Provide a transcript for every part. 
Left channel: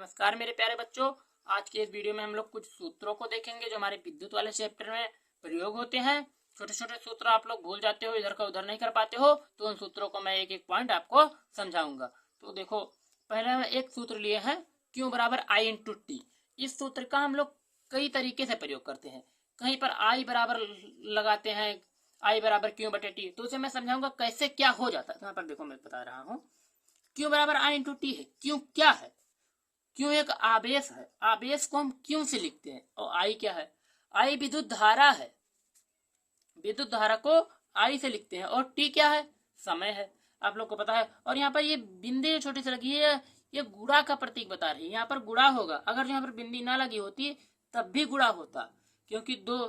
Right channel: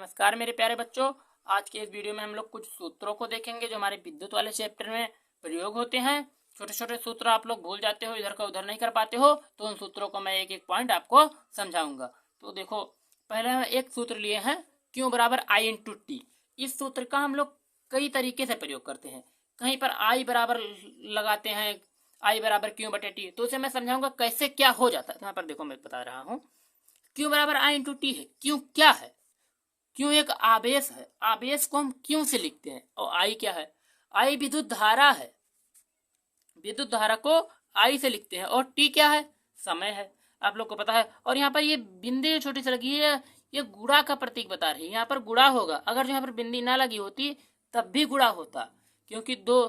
नमस्कार मेरे प्यारे बच्चों। आज के इस वीडियो में हम लोग कुछ सूत्रों को देखेंगे जो हमारे विद्युत वाले चैप्टर में प्रयोग होते हैं। छोटे छोटे सूत्र आप लोग भूल जाते हो, इधर का उधर नहीं कर पाते हो, तो उन सूत्रों को मैं एक एक पॉइंट आपको समझाऊंगा। तो देखो, पहले हम एक सूत्र लिए हैं, क्यू बराबर आई इंटू टी। इस सूत्र का हम लोग कई तरीके से प्रयोग करते हैं। कहीं पर आई बराबर लगाते हैं, आई बराबर क्यू बटे टी, तो उसे मैं समझाऊंगा कैसे क्या हो जाता है। तो यहाँ पर देखो, मैं बता रहा हूँ, क्यू बराबर आई इंटू टी है। क्यू क्या है? क्यों एक आवेश है। आवेश को हम क्यों से लिखते हैं। और आई क्या है? आई विद्युत धारा है। विद्युत धारा को आई से लिखते हैं। और टी क्या है? समय है, आप लोग को पता है। और यहाँ पर ये बिंदी छोटी सी लगी है, ये गुणा का प्रतीक बता रही है। यहाँ पर गुणा होगा, अगर यहाँ पर बिंदी ना लगी होती तब भी गुणा होता, क्योंकि दो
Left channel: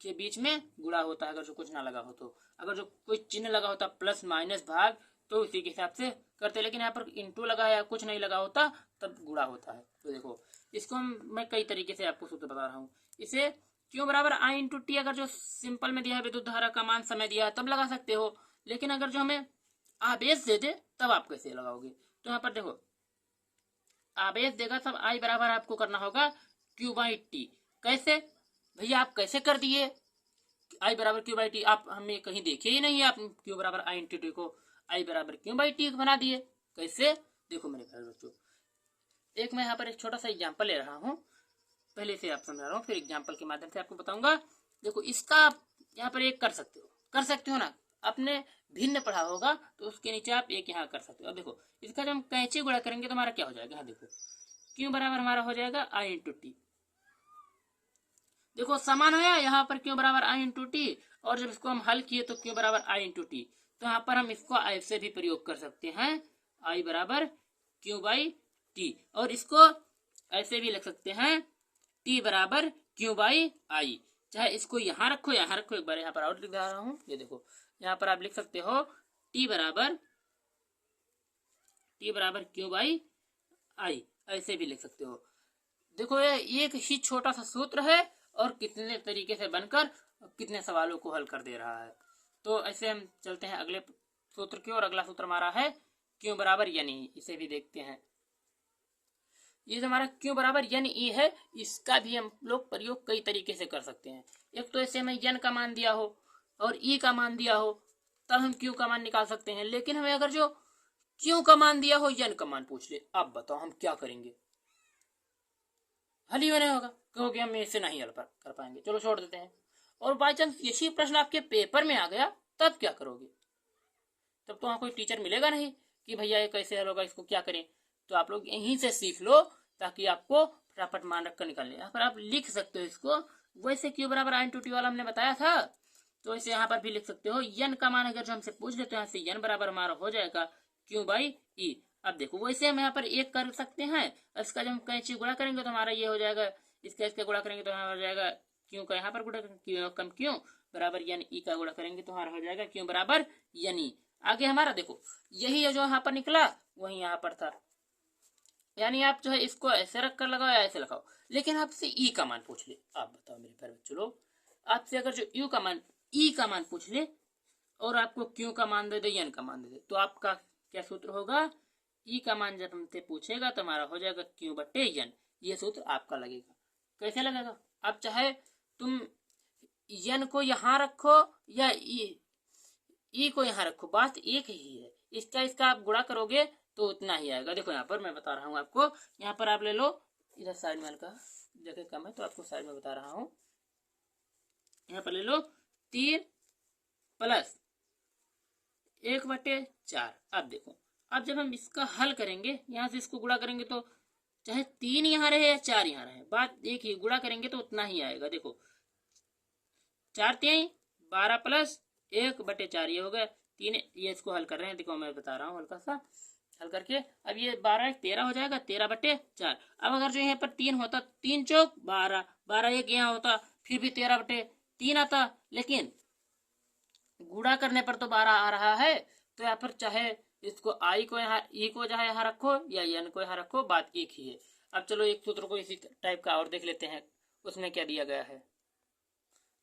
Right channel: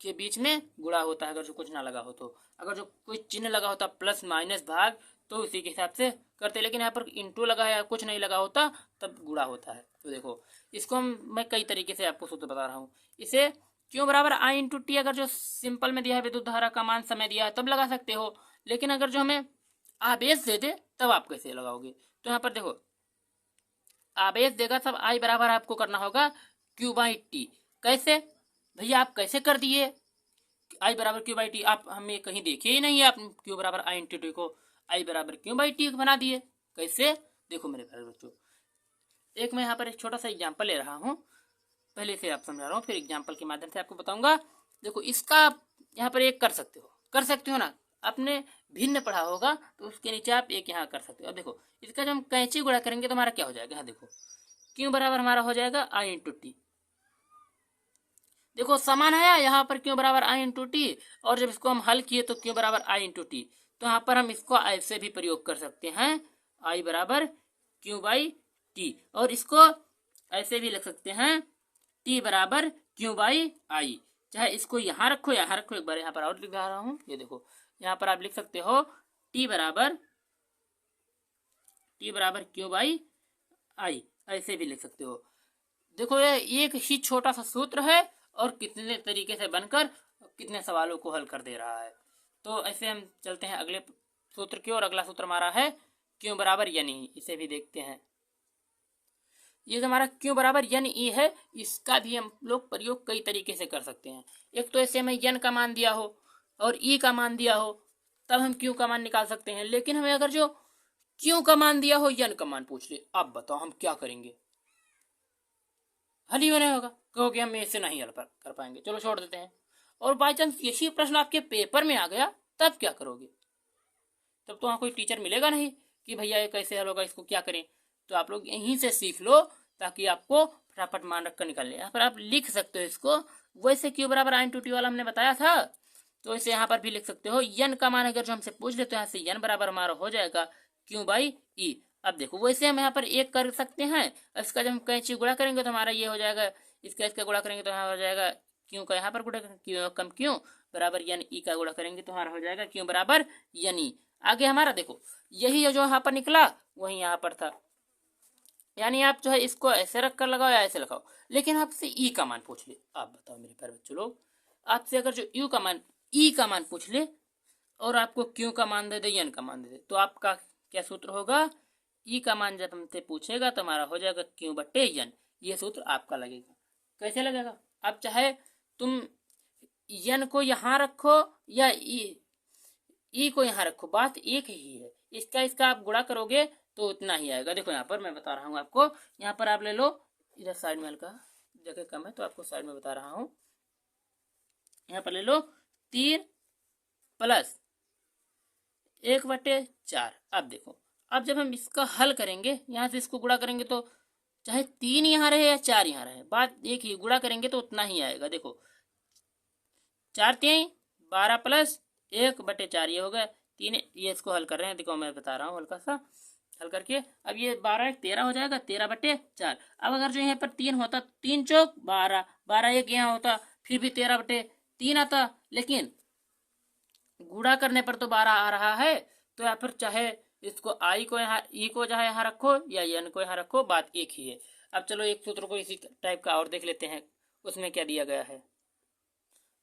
के बीच में गुणा होता है अगर जो कुछ ना लगा हो तो। अगर जो कोई चिन्ह लगा होता प्लस माइनस भाग, तो उसी के हिसाब से करते। लेकिन यहाँ पर इंटू लगा है या कुछ नहीं लगा होता तब गुणा होता है। तो देखो, इसको मैं कई तरीके से आपको सूत्र बता रहा हूँ। इसे क्यों बराबर आई इंटू टी, अगर जो सिंपल में दिया है विद्युत धारा का मान समय दिया तब लगा सकते हो। लेकिन अगर जो हमें आवेश दे दे तब आप कैसे लगाओगे। तो यहाँ पर देखो, आवेश देगा तब आई बराबर आपको करना होगा क्यू बाई टी। कैसे भैया, आप कैसे कर दिए आई बराबर क्यू बाई टी? आप हमें कहीं देखे ही नहीं है, आप क्यू बराबर आई इंटू टी को आई बराबर क्यू बाई टी बना दिए। कैसे? देखो मेरे प्यारे बच्चों, एक मैं यहाँ पर एक छोटा सा एग्जाम्पल ले रहा हूँ, पहले से आप समझा रहा हूँ, फिर एग्जाम्पल के माध्यम से आपको बताऊंगा। देखो, इसका आप यहाँ पर एक कर सकते हो ना। आपने भिन्न पढ़ा होगा तो उसके नीचे आप एक यहाँ कर सकते हो। अब देखो, इसका जब हम कैंची गुणा करेंगे तो हमारा क्या हो जाएगा। यहाँ देखो, क्यू बराबर हमारा हो जाएगा आई इंटू टी। देखो, समान है यहाँ पर क्यू बराबर आई इंटू टी, और जब इसको हम हल किए तो क्यू बराबर आई इंटू टी। तो यहाँ पर हम इसको ऐसे भी प्रयोग कर सकते हैं, आई बराबर क्यू बाई टी। और इसको ऐसे भी लिख सकते हैं, टी बराबर क्यू बाई आई। चाहे इसको यहाँ रखो यहाँ रखो, एक बार यहाँ पर और लिख रहा हूँ। ये देखो, यहाँ पर आप लिख सकते हो टी बराबर क्यू बाई आई, ऐसे भी लिख सकते हो। देखो, ये एक ही छोटा सा सूत्र है और कितने तरीके से बनकर कितने सवालों को हल कर दे रहा है। तो ऐसे हम चलते हैं अगले सूत्र की ओर। अगला सूत्र हमारा है क्यों बराबर यन ई। इसे भी देखते हैं। ये जो हमारा क्यों बराबर यन ई है, इसका भी हम लोग प्रयोग कई तरीके से कर सकते हैं। एक तो ऐसे हमें यन का मान दिया हो और ई का मान दिया हो, तब हम क्यों का मान निकाल सकते हैं। लेकिन हमें अगर जो क्यों का मान दिया हो, यन का मान पूछ ले, आप बताओ हम क्या करेंगे। हल ही में नहीं होगा, क्योंकि हम इससे नहीं हल कर पाएंगे, चलो छोड़ देते हैं। और बाई चांस किसी प्रश्न आपके पेपर में आ गया, तब क्या करोगे? तब तो वहाँ कोई टीचर मिलेगा नहीं कि भैया ये कैसे हल होगा, इसको क्या करें। तो आप लोग यहीं से सीख लो, ताकि आपको फटाफट मान रख कर निकाल ले। यहाँ पर आप लिख सकते हो इसको, वैसे क्यू बराबर आई इंटू टी वाला हमने बताया था, तो इसे यहाँ पर भी लिख सकते हो। यन का मान अगर जो हमसे पूछ ले तो यहाँ से यन बराबर हमारा हो जाएगा क्यू बाई ई। अब देखो, वैसे हम यहाँ पर एक कर सकते हैं, इसका जब हम कैंची गुणा करेंगे तो हमारा ये हो जाएगा, इसका गुणा करेंगे तो हमारा हो जाएगा क्यों का यहाँ पर गुणा क्यों कम क्यों बराबर यन ई का गुणा करेंगे तो हमारा हो जाएगा क्यों बराबर यन ई। आगे हमारा देखो, यही जो यहाँ पर निकला वही यहाँ पर था। यानी आप जो है इसको ऐसे रख कर लगाओ या ऐसे लगाओ, लेकिन आपसे ई का मान पूछ ले। आप बताओ मेरे प्यारे बच्चों लोग, आपसे अगर जो यू का मान ई का मान पूछ ले और आपको क्यू का मान दे दे, यन का मान दे दे, तो आपका क्या सूत्र होगा। ई का मान जब हमसे पूछेगा तो हमारा हो जाएगा क्यू बटे यन। ये सूत्र आपका लगेगा। कैसे लगेगा? अब चाहे तुम यन को यहाँ रखो या ई को यहाँ रखो, बात एक ही है। इसका आप गुणा करोगे तो उतना ही आएगा। देखो, यहाँ पर मैं बता रहा हूँ आपको, यहाँ पर आप ले लो, इधर साइड में हल्का जगह कम है तो आपको साइड में बता रहा हूँ। यहाँ पर ले लो 3 प्लस 1/4। अब देखो, अब जब हम इसका हल करेंगे, यहाँ से इसको गुणा करेंगे तो चाहे 3 यहाँ रहे या 4 यहाँ रहे, बात एक ही, गुणा करेंगे तो उतना ही आएगा। देखो, 4 3 12 प्लस 1/4 ये हो गया 3। ये इसको हल कर रहे हैं, देखो मैं बता रहा हूँ हल्का सा हल करके। अब ये 12 13 हो जाएगा, 13/4। अब अगर जो यहाँ पर 3 होता, 3 चौक 12, 12 एक यहाँ होता, फिर भी 13/3 आता, लेकिन गुणा करने पर तो 12 आ रहा है। तो यहाँ पर चाहे इसको आई को यहाँ ई को जहाँ यहाँ रखो या एन को यहाँ रखो, बात एक ही है। अब चलो एक सूत्र को इसी टाइप का और देख लेते हैं, उसमें क्या दिया गया है।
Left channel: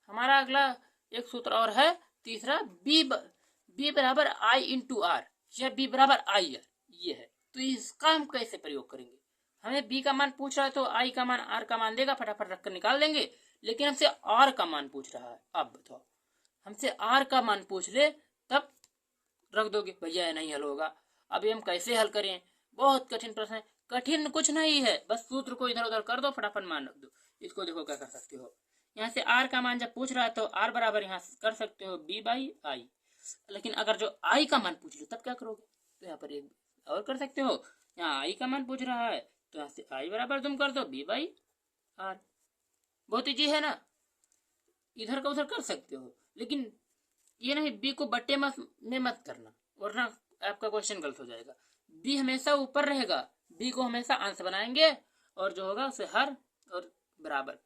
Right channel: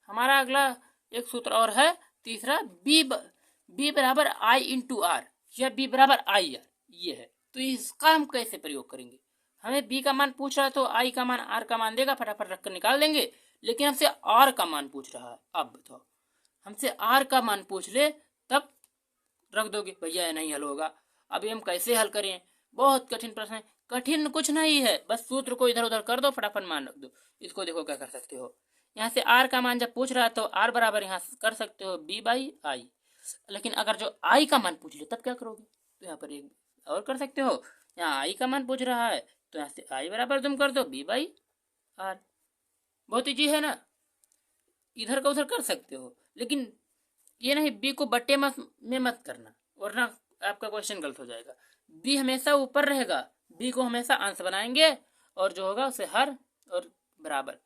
हमारा अगला एक सूत्र और है, तीसरा, बी बराबर आई इंटू आर या बी बराबर आई आर, ये है। तो इसका हम कैसे प्रयोग करेंगे। हमें बी का मान पूछ रहा है तो आई का मान आर का मान देगा, फटाफट रख कर निकाल देंगे। लेकिन हमसे आर का मान पूछ रहा है, अब बताओ हमसे आर का मान पूछ ले तब रख दोगे भैया, नहीं हल होगा। अभी हम कैसे हल करें, बहुत कठिन प्रश्न है। कठिन कुछ नहीं है, बस सूत्र को इधर उधर कर दो, फटाफट मान रख दो। इसको देखो क्या कर सकते हो, यहाँ से आर का मान जब पूछ रहा है तो आर बराबर यहाँ कर सकते हो बी बाई आई। लेकिन अगर जो आई का मान पूछ ले तब क्या करोगे, तो यहाँ पर एक और कर सकते हो। यहाँ आई का मान पूछ रहा है तो यहाँ से आई बराबर तुम कर दो बी बाई आर। बहुत ईजी है ना, इधर का उधर कर सकते हो, लेकिन ये नहीं बी को बट्टे में मत करना, वरना आपका क्वेश्चन गलत हो जाएगा। बी हमेशा ऊपर रहेगा, बी को हमेशा अंश बनाएंगे और जो होगा उसे हर और बराबर।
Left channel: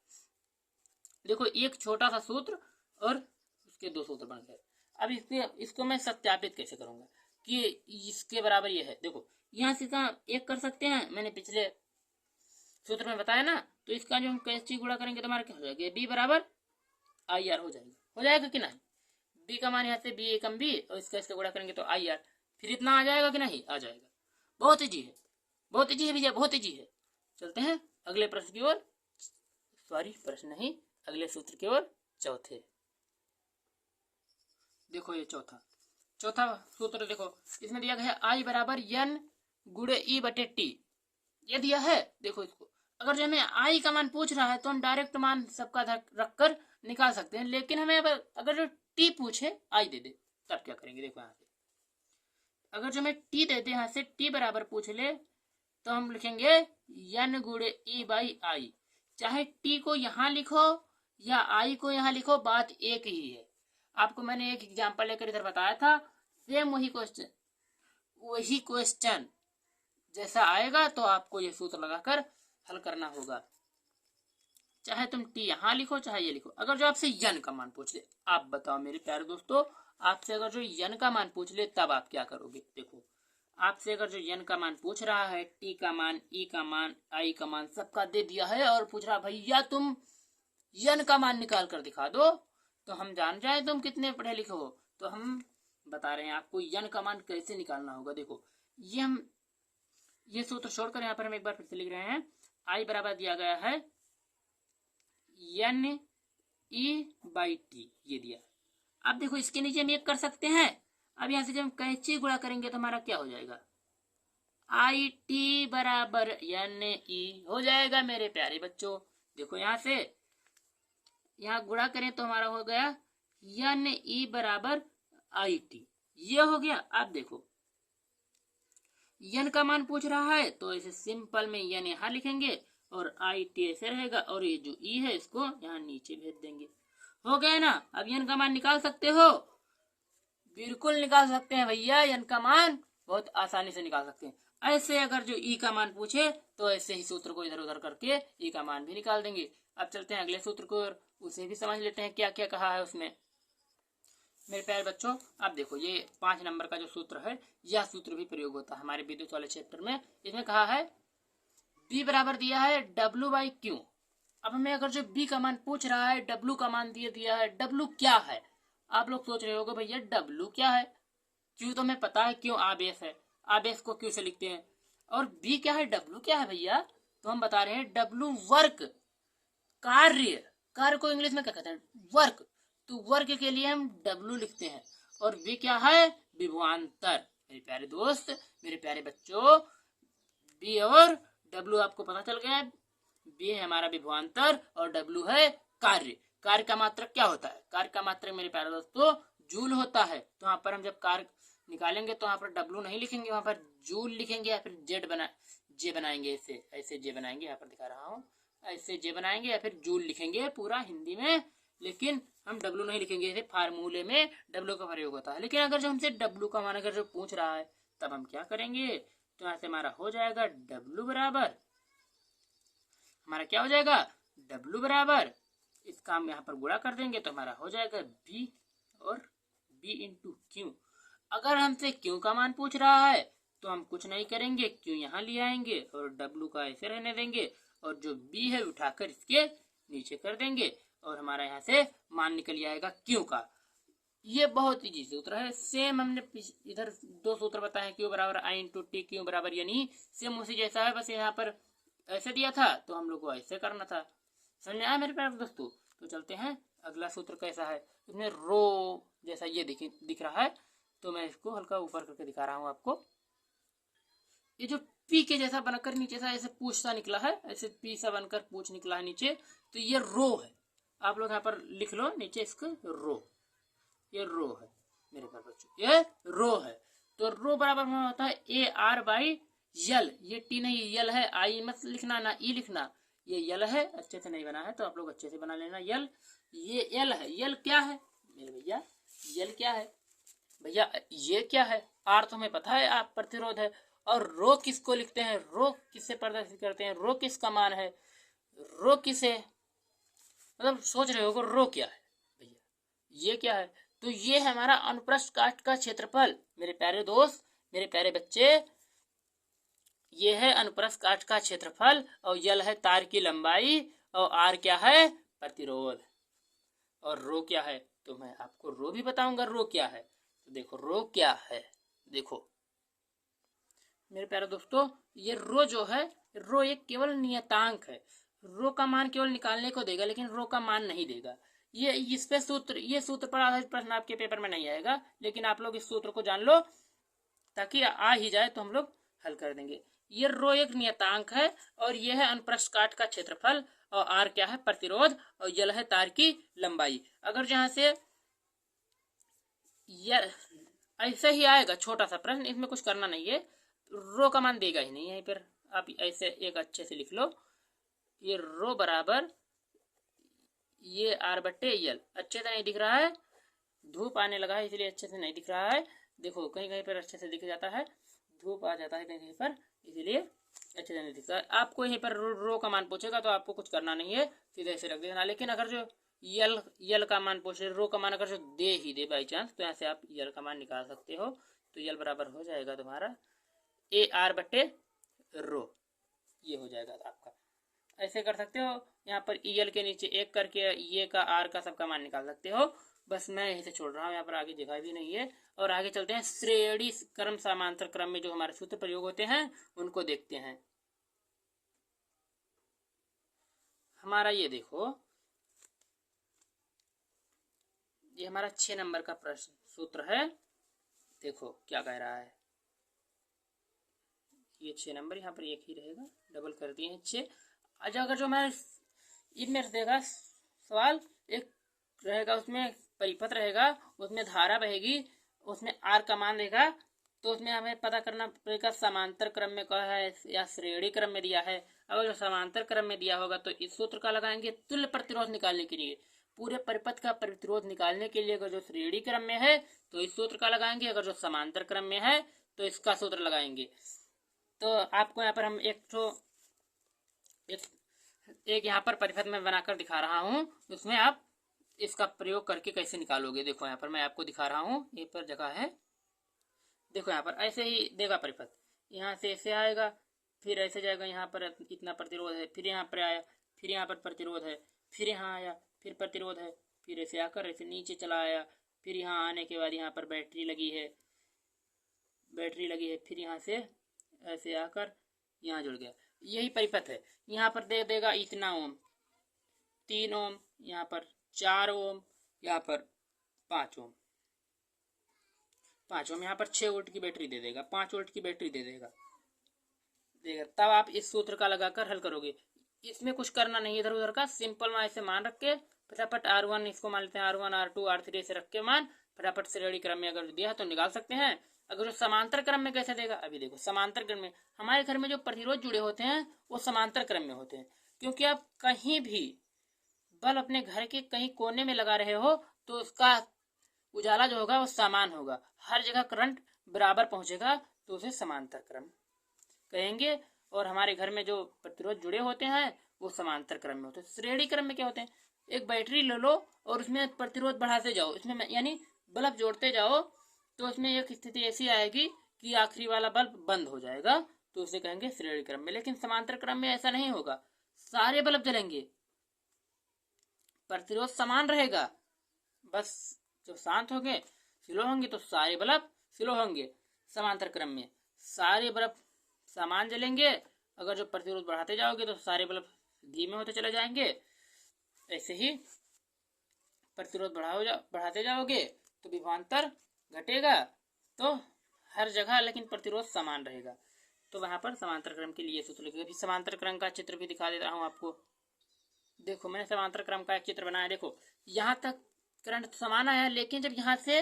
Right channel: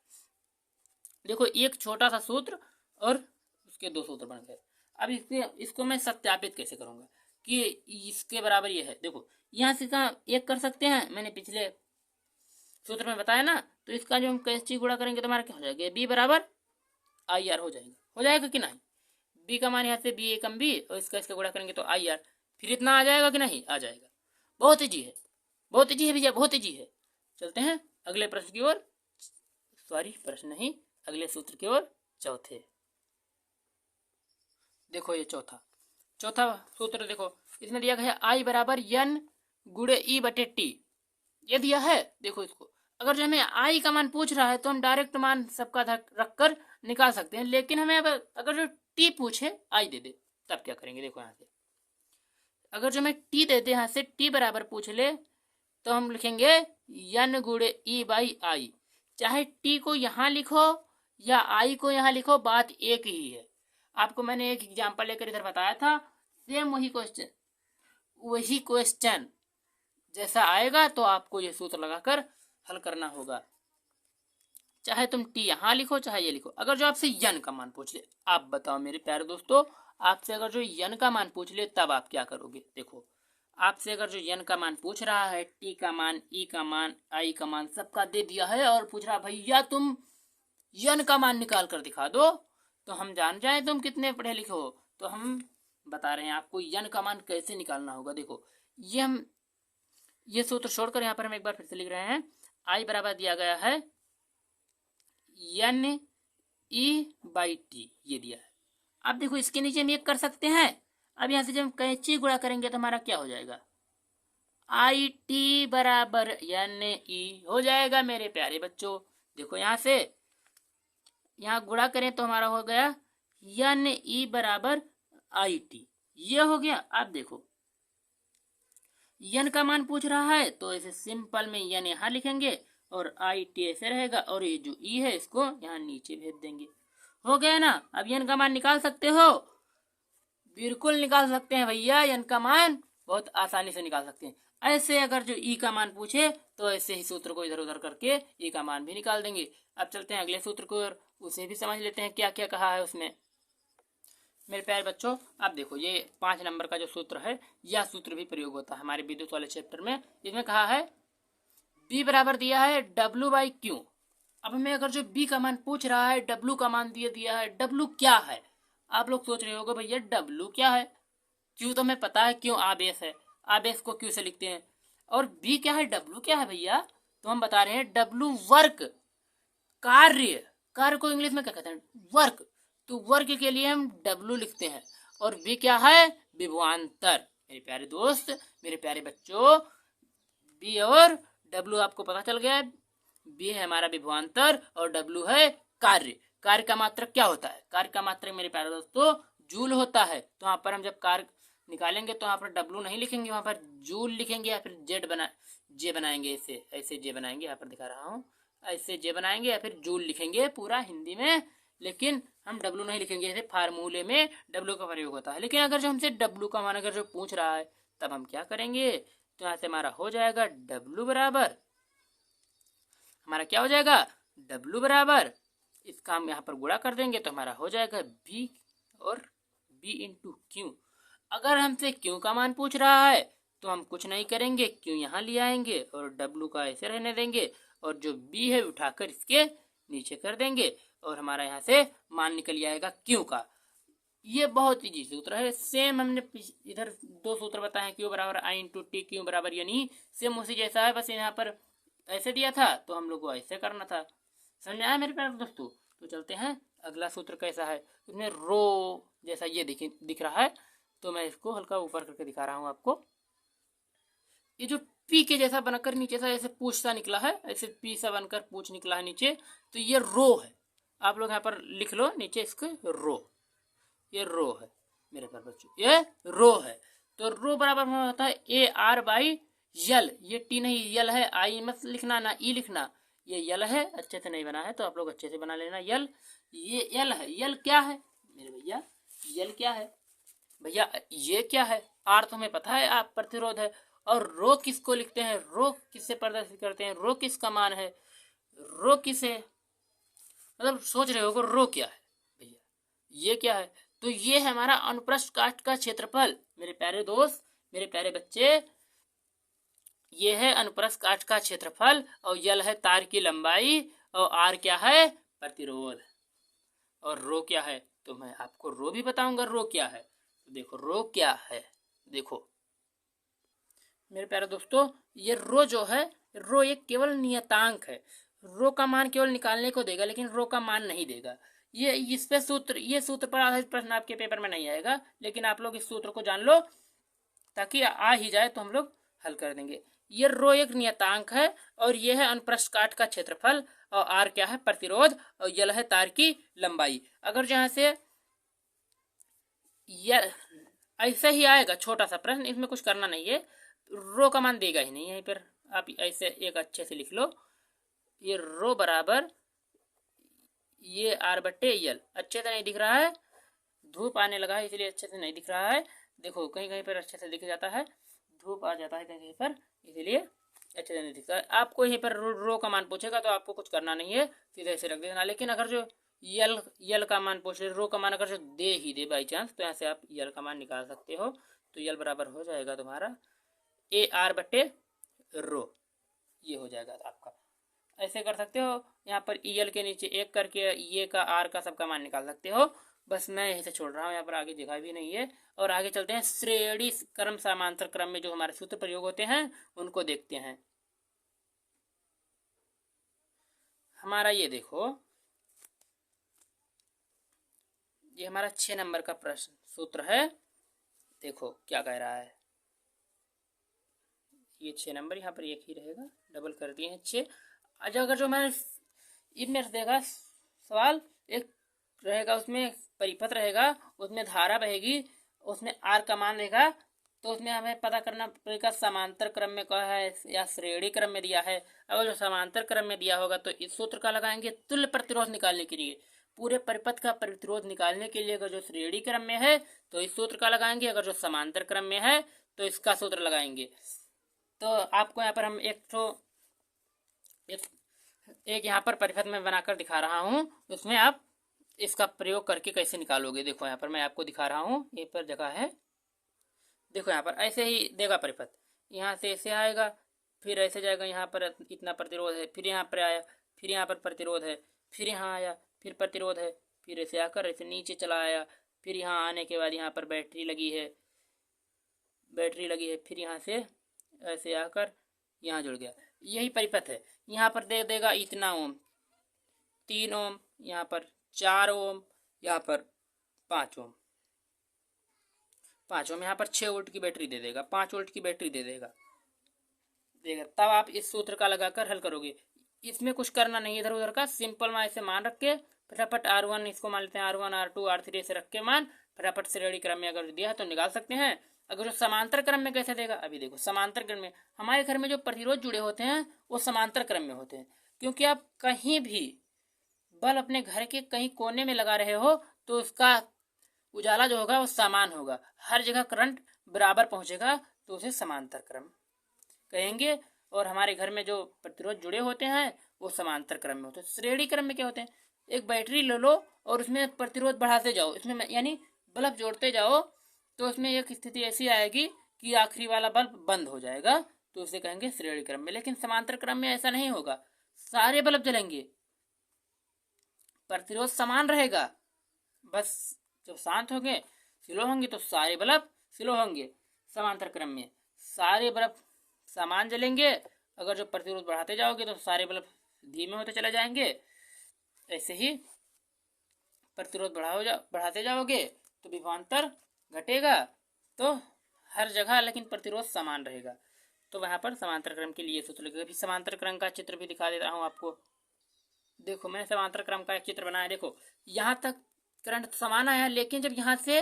देखो एक छोटा सा सूत्र और उसके दो सूत्र बन गए। अब इसको मैं सत्यापित कैसे करूंगा कि इसके बराबर ये है। देखो यहाँ से कहाँ एक कर सकते हैं, मैंने पिछले सूत्र में बताया ना। तो इसका जो हम कैसे गुणा करेंगे तो हमारा क्या हो जाएगा, बी बराबर आई आर हो जाएगा कि नहीं। बी का मान यहाँ से बी एकम बी और इसका गुणा करेंगे तो आई आर, फिर इतना आ जाएगा कि नहीं, आ जाएगा। बहुत ईजी है, बहुत ईजी है भैया, बहुत ईजी है। चलते हैं अगले प्रश्न की ओर, सॉरी प्रश्न नहीं, अगले सूत्र की ओर, चौथे। देखो ये चौथा सूत्र देखो, इसमें दिया गया है आई बराबर एन गुणे ई बटे टी, ये दिया है। देखो इसको अगर जो हमें आई का मान पूछ रहा है तो हम डायरेक्ट मान सबका रख कर निकाल सकते हैं, लेकिन हमें अगर जो टी पूछे आई दे दे तब क्या करेंगे। देखो यहाँ से अगर जो हमें टी दे दे, यहाँ से टी बराबर पूछ ले तो हम लिखेंगे एन गुणे ई बाई आई। चाहे टी को यहाँ लिखो या आई को यहाँ लिखो, बात एक ही है। आपको मैंने एक एग्जाम्पल लेकर इधर बताया था, सेम वही क्वेश्चन जैसा आएगा तो आपको ये सूत्र लगाकर हल करना होगा। चाहे तुम टी यहाँ लिखो चाहे ये लिखो। अगर जो आपसे यन का मान पूछ ले, आप बताओ मेरे प्यारे दोस्तों, आपसे अगर जो यन का मान पूछ ले तब आप क्या करोगे। देखो आपसे अगर जो यन का मान पूछ रहा है, टी का मान, ई का मान, आई का मान सबका दे दिया है और पूछ रहा भैया तुम यन का मान निकाल कर दिखा दो, तो हम जान जाए तुम कितने पढ़े लिखे हो। तो हम बता रहे हैं आपको यन का मान कैसे निकालना होगा। देखो ये सूत्र छोड़कर यहाँ पर हम एक बार फिर से लिख रहे हैं। आई बराबर दिया गया है एन ई बाई टी, ये दिया है। अब देखो इसके नीचे हम एक कर सकते हैं। अब यहाँ से जब हम कैंची गुणा करेंगे तो हमारा क्या हो जाएगा, आई टी बराबर एन ई हो जाएगा मेरे प्यारे बच्चों। देखो यहाँ से यहाँ गुणा करें तो हमारा हो गया एन ई बराबर आई टी, ये हो गया। अब देखो यन का मान पूछ रहा है तो ऐसे सिंपल में यन यहाँ लिखेंगे और आई टी ऐसे रहेगा और ये जो ई है इसको यहाँ नीचे भेज देंगे, हो गया ना। अब यन का मान निकाल सकते हो, बिल्कुल निकाल सकते हैं भैया, यन का मान बहुत आसानी से निकाल सकते हैं। ऐसे अगर जो ई का मान पूछे तो ऐसे ही सूत्र को इधर उधर करके ई का मान भी निकाल देंगे। अब चलते हैं अगले सूत्र को और उसे भी समझ लेते हैं क्या क्या कहा है उसमें। मेरे प्यारे बच्चों आप देखो ये 5 नंबर का जो सूत्र है, यह सूत्र भी प्रयोग होता है हमारे विद्युत वाले चैप्टर में। इसमें कहा है B बराबर दिया है W बाई क्यू। अब हमें अगर जो B का मान पूछ रहा है, W का मान दिया है, W क्या है। आप लोग सोच रहे होगे भैया W क्या है, Q तो हमें पता है, क्यों आवेश है, आवेश को Q से लिखते हैं। और B क्या है, W क्या है भैया, तो हम बता रहे हैं W वर्क, कार्य को इंग्लिश में क्या कहते हैं, वर्क। तो वर्क के लिए हम W लिखते हैं। और V क्या है, विभवांतर। मेरे प्यारे दोस्त, मेरे प्यारे बच्चों, B और W आपको पता चल गया है। B है हमारा विभवांतर और W है कार्य। कार्य का मात्रक क्या होता है, कार्य का मात्रक मेरे प्यारे दोस्तों जूल होता है। तो यहाँ पर हम जब कार्य निकालेंगे तो यहाँ पर W नहीं लिखेंगे, वहां पर जूल लिखेंगे या फिर जे बनाएंगे, ऐसे जे बनाएंगे, यहाँ पर दिखा रहा हूँ, ऐसे जे बनाएंगे या फिर जूल लिखेंगे पूरा हिंदी में, लेकिन हम W नहीं लिखेंगे। जैसे फार्मूले में W का प्रयोग होता है। लेकिन अगर जो हमसे W का मान अगर जो पूछ रहा है तब हम क्या करेंगे, तो यहाँ से हमारा हो जाएगा W बराबर, हमारा क्या हो जाएगा, W बराबर, इसका हम यहाँ पर गुणा कर देंगे तो हमारा हो जाएगा B और B इंटू क्यू। अगर हमसे Q का मान पूछ रहा है तो हम कुछ नहीं करेंगे, Q यहाँ ले आएंगे और W का ऐसे रहने देंगे और जो B है उठाकर इसके नीचे कर देंगे और हमारा यहाँ से मान निकल जाएगा Q का। ये बहुत इजी सूत्र है। सेम हमने इधर 2 सूत्र बताए, Q बराबर आई इंटू टी, Q बराबर यानी सेम उसी जैसा है, बस यहाँ पर ऐसे दिया था तो हम लोग को ऐसे करना था। समझ में आया मेरे प्यारे दोस्तों? तो चलते हैं अगला सूत्र कैसा है। उसमें रो जैसा ये दिख रहा है, तो मैं इसको हल्का ऊपर करके दिखा रहा हूँ आपको। ये जो पी के जैसा बनकर नीचे से ऐसे पूछ सा निकला है, ऐसे पी सा बनकर पूछ निकला है नीचे, तो ये रो है। आप लोग यहाँ पर लिख लो नीचे इसके रो, ये रो है मेरे प्यारे बच्चों, ये रो है। तो रो बराबर होता है ए आर बाई यल। ये टी नहीं यल है, आई मत लिखना ना ई लिखना, ये यल है। अच्छे से नहीं बना है तो आप लोग अच्छे से बना लेना। यल, ये यल है। यल क्या है मेरे भैया? यल क्या है भैया? ये क्या है? आर तो हमें पता है, आप प्रतिरोध है। और रो किसको लिखते हैं? रो किससे प्रदर्शित करते हैं? रो किसका मान है? रो किसे, मतलब सोच रहे हो रो क्या है भैया? ये क्या है? तो ये है हमारा अनुप्रस्थ काट का क्षेत्रफल मेरे प्यारे दोस्त, मेरे प्यारे बच्चे। ये है अनुप्रस्थ काट का क्षेत्रफल, और यल है तार की लंबाई, और आर क्या है? प्रतिरोध। और रो क्या है? तो मैं आपको रो भी बताऊंगा रो क्या है। तो देखो रो क्या है, देखो मेरे प्यारे दोस्तों, ये रो जो है, रो एक केवल नियतांक है। रो का मान केवल निकालने को देगा, लेकिन रो का मान नहीं देगा। ये इस पे सूत्र, ये सूत्र पर आधारित प्रश्न आपके पेपर में नहीं आएगा, लेकिन आप लोग इस सूत्र को जान लो ताकि आ ही जाए तो हम लोग हल कर देंगे। ये रो एक नियतांक है, और ये है अनुप्रस्थ काट का क्षेत्रफल, और आर क्या है? प्रतिरोध, और यल है तार की लंबाई। अगर जहां से यल ऐसे ही आएगा छोटा सा प्रश्न, इसमें कुछ करना नहीं है, रो का मान देगा ही नहीं यहीं पर। आप ऐसे एक अच्छे से लिख लो, ये रो बराबर ये आर बट्टे यल। अच्छे से नहीं दिख रहा है, धूप आने लगा है इसलिए अच्छे से नहीं दिख रहा है। देखो कहीं कहीं पर अच्छे से दिख जाता है, धूप आ जाता है कहीं कहीं पर, इसीलिए अच्छे से नहीं दिखता है। आपको यहीं पर रो का मान पूछेगा तो आपको कुछ करना नहीं है, सीधे ऐसे रख देना। लेकिन अगर जो यल का मान पूछे, रो का मान अगर जो दे ही दे बाई चांस, तो यहाँ से आप यल का मान निकाल सकते हो। तो यल बराबर हो जाएगा तुम्हारा ए आर बट्टे रो, ये हो जाएगा आपका। ऐसे कर सकते हो, यहाँ पर यल के नीचे एक करके ये का आर का सबका मान निकाल सकते हो। बस मैं यहीं से छोड़ रहा हूँ, यहाँ पर आगे दिखा भी नहीं है। और आगे चलते हैं, श्रेणी क्रम समांतर क्रम में जो हमारे सूत्र प्रयोग होते हैं उनको देखते हैं। हमारा ये देखो, ये हमारा 6 नंबर का प्रश्न सूत्र है। देखो क्या कह रहा है, ये 6 नंबर, यहाँ पर एक ही रहेगा, डबल कर दिए हैं 6। अच्छा अगर जो मैं इनमें देगा सवाल, एक रहेगा उसमें परिपथ रहेगा, उसमें धारा बहेगी, उसमें आर का मान देगा, तो उसमें हमें पता करना पड़ेगा समांतर क्रम में कहा है या श्रेणी क्रम में दिया है। अगर जो समांतर क्रम में दिया होगा तो इस सूत्र का लगाएंगे तुल्य प्रतिरोध निकालने के लिए। पूरे परिपथ का प्रतिरोध निकालने के लिए अगर जो श्रेणी क्रम में है तो इस सूत्र का लगाएंगे, अगर जो समांतर क्रम में है तो इसका सूत्र लगाएंगे। तो आपको यहाँ पर हम एक यहाँ पर परिपथ में बनाकर दिखा रहा हूँ, उसमें आप इसका प्रयोग करके कैसे निकालोगे। देखो यहाँ पर मैं आपको दिखा रहा हूँ, ये पर जगह है, देखो यहाँ पर ऐसे ही देगा परिपथ, यहाँ से ऐसे आएगा, फिर ऐसे जाएगा, यहाँ पर इतना प्रतिरोध है, फिर यहाँ पर आया, फिर यहाँ पर प्रतिरोध है, फिर यहाँ आया, फिर प्रतिरोध है, फिर ऐसे आकर ऐसे नीचे चला आया, फिर यहाँ आने के बाद यहाँ पर बैटरी लगी है, फिर यहाँ से ऐसे आकर यहाँ जुड़ गया। यही परिपथ है। यहाँ पर दे देगा इतना ओम, 3 ओम, यहाँ पर 4 ओम, यहाँ पर 5 ओम, 5 ओम, यहाँ पर 6 वोल्ट की बैटरी दे देगा, 5 वोल्ट की बैटरी दे देगा। तब आप इस सूत्र का लगाकर हल करोगे। इसमें कुछ करना नहीं, इधर उधर का सिंपल मान ऐसे मान रख के फटाफट R1 इसको मान लेते हैं, R1 R2 R3 से रख के मान फटाफट श्रेणी क्रम में अगर दिया है तो निकाल सकते हैं। अगर जो समांतर क्रम में कैसे देगा, अभी देखो समांतर क्रम में हमारे घर में जो प्रतिरोध जुड़े होते हैं वो समांतर क्रम में होते हैं, क्योंकि आप कहीं भी बल्ब अपने घर के कहीं कोने में लगा रहे हो तो उसका उजाला जो होगा वो समान होगा, हर जगह करंट बराबर पहुंचेगा, तो उसे समांतर क्रम कहेंगे। और हमारे घर में जो प्रतिरोध जुड़े होते हैं वो समांतर क्रम में होते हैं। श्रेणी क्रम में क्या होते हैं, एक बैटरी ले लो और उसमें प्रतिरोध बढ़ाते जाओ, इसमें यानी बल्ब जोड़ते जाओ, तो उसमें एक स्थिति ऐसी आएगी कि आखिरी वाला बल्ब बंद हो जाएगा, तो उसे कहेंगे श्रेणी क्रम में। लेकिन समांतर क्रम में ऐसा नहीं होगा, सारे बल्ब जलेंगे, प्रतिरोध समान रहेगा, बस जब शांत होंगे स्लो होंगे तो सारे बल्ब स्लो होंगे। समांतर क्रम में सारे बल्ब समान जलेंगे अगर जो प्रतिरोध बढ़ाते जाओगे तो सारे बल्ब धीमे होते चले जाएंगे। ऐसे ही प्रतिरोध बढ़ाते जाओगे तो विभवांतर घटेगा, तो हर जगह लेकिन प्रतिरोध समान रहेगा। तो वहां पर समांतर क्रम के लिए सूत्र लिखेगा। समांतर क्रम का चित्र भी दिखा देता हूँ आपको। देखो मैंने समांतर क्रम का एक चित्र बनाया। देखो यहाँ तक करंट समान आया, लेकिन जब यहाँ से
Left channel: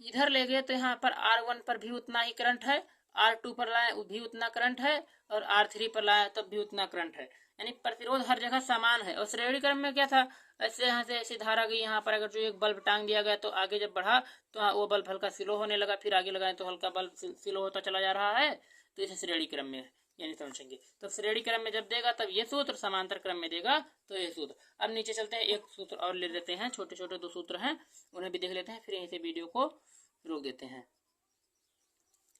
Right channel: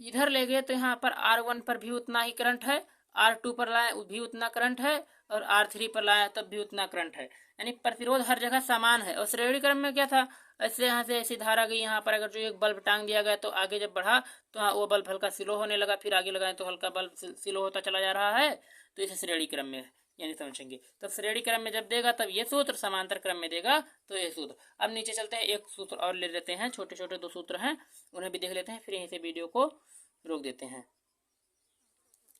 इधर ले गए तो यहाँ पर R1 पर भी उतना ही करंट है, R2 पर लाए भी उतना करंट है, और R3 पर लाए तब भी उतना करंट है। यानी प्रतिरोध हर जगह समान है। और श्रेणी क्रम में क्या था, ऐसे यहाँ से ऐसी धारा गई, यहाँ पर अगर जो एक बल्ब टांग दिया गया तो आगे जब बढ़ा तो वो बल्ब हल्का स्लो होने लगा, फिर आगे लगाए तो हल्का बल्ब स्लो होता चला जा रहा है। तो इसे श्रेणी क्रम में यानी समझेंगे। तो श्रेणी क्रम में जब देगा तब ये सूत्र, समांतर क्रम में देगा तो ये सूत्र। अब नीचे चलते हैं, एक सूत्र और ले लेते हैं, छोटे छोटे 2 सूत्र हैं उन्हें भी देख लेते हैं, फिर यहीं से वीडियो को रोक देते हैं।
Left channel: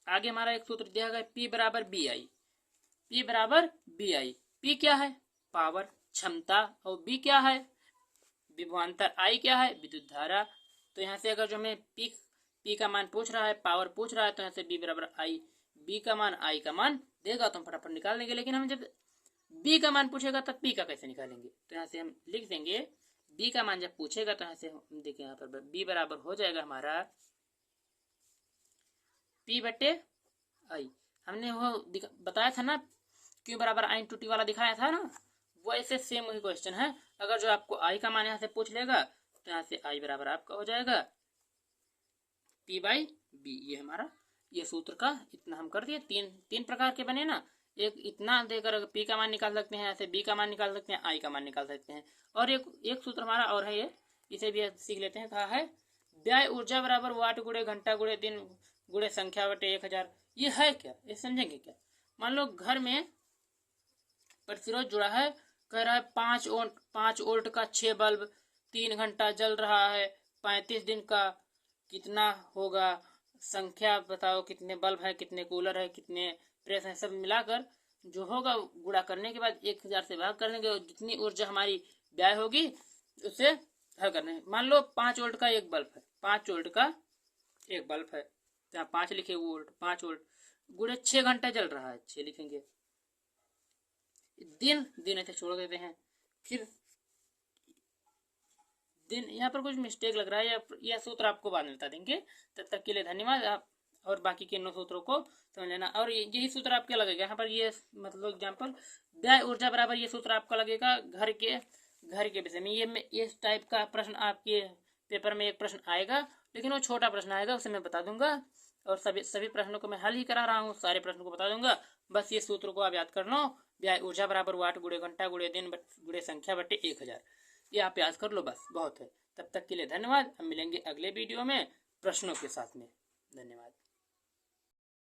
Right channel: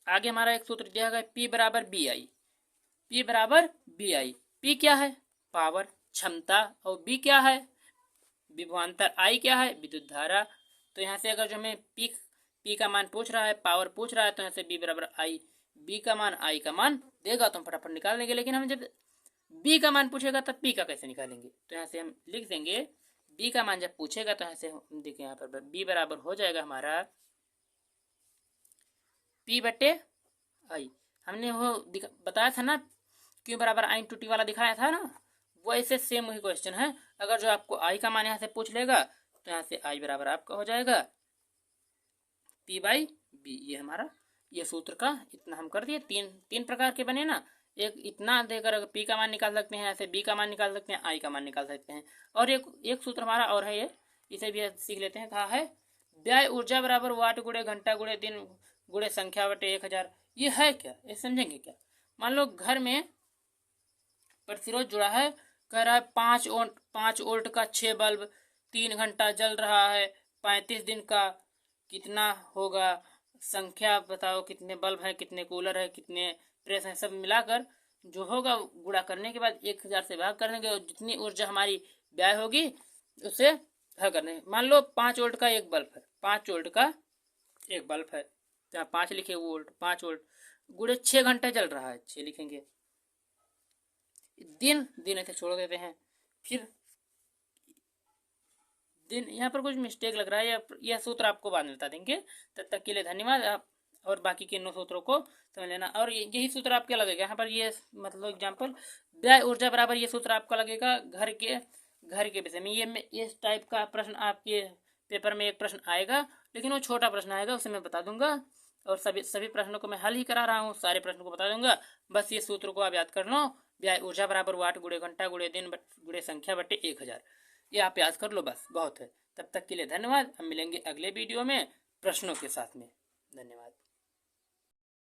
आगे हमारा एक सूत्र दिया गया P बराबर बी आई। P बराबर बी आई। P क्या है, पावर क्षमता, और B क्या है, विभवांतर, I क्या है, विद्युत धारा। तो यहाँ से अगर जो हमें P का मान पूछ रहा है, पावर पूछ रहा है, तो यहाँ से B बराबर I, B का मान I का मान देगा तो हम फटाफट निकाल देंगे। लेकिन हम जब B का मान पूछेगा तब P का कैसे निकालेंगे, तो यहाँ से हम लिख देंगे B का मान जब पूछेगा तो यहाँ से हम देखिए यहाँ पर B बराबर हो जाएगा हमारा P बटे I। हमने वो बताया था ना Q बराबर I इंटू T वाला दिखाया था ना, वो ऐसे सेम वही क्वेश्चन है। अगर जो आपको I का मान यहाँ से पूछ लेगा तो यहाँ से I बराबर आपका हो जाएगा P बाई B। ये हमारा ये सूत्र का इतना हम कर दिए। तीन प्रकार के बने ना, एक इतना देकर P का मान निकाल सकते हैं, ऐसे B का मान निकाल सकते हैं, I का मान निकाल सकते हैं। और एक सूत्र हमारा और है, ये इसे भी सीख लेते हैं। कहा है व्यय ऊर्जा बराबर वाट गुणे घंटा गुणे दिन गुणे संख्या बटे 1000। ये है क्या, ये समझेंगे क्या। मान लो घर में प्रतिरोध जुड़ा है, कह रहा है 5 वोल्ट का 6 बल्ब 3 घंटा जल रहा है, 35 दिन का कितना होगा, संख्या बताओ कितने बल्ब है, कितने कूलर है, कितने प्रेस है, सब मिलाकर जो होगा गुणा करने के बाद 1000 से भाग करने के, और जितनी ऊर्जा हमारी व्यय होगी उसे हल करने। मान लो 5 वोल्ट का एक बल्ब है, 5 वोल्ट का एक बल्ब है, जहाँ 5 लिखे वोल्ट, 5 वोल्ट गुणे 6 घंटे चल रहा है, 6 लिखेंगे। दिन ऐसे छोड़ देते हैं, फिर दिन यहाँ पर कुछ मिस्टेक लग रहा है, यह सूत्र आपको बाद में बता देंगे। तब तक के लिए धन्यवाद। आप और बाकी के 9 सूत्रों को समझ लेना। और यही सूत्र आपका लगेगा यहाँ पर, ये मतलब एग्जाम्पल व्यय ऊर्जा बराबर, ये सूत्र आपका लगेगा घर के विषय में। ये इस टाइप का प्रश्न आपके पेपर में एक प्रश्न आएगा, लेकिन वो छोटा प्रश्न आएगा, उसे मैं बता दूंगा। और सभी प्रश्नों को मैं हल ही करा रहा हूँ, सारे प्रश्नों को बता दूंगा। बस ये सूत्र को आप याद कर लो, व्यय ऊर्जा बराबर वाट गुणे घंटा गुणे दिन गुणे संख्या बटे 1000। ये आप याद कर लो, बस बहुत है। तब तक के लिए धन्यवाद। हम मिलेंगे अगले वीडियो में प्रश्नों के साथ में। धन्यवाद।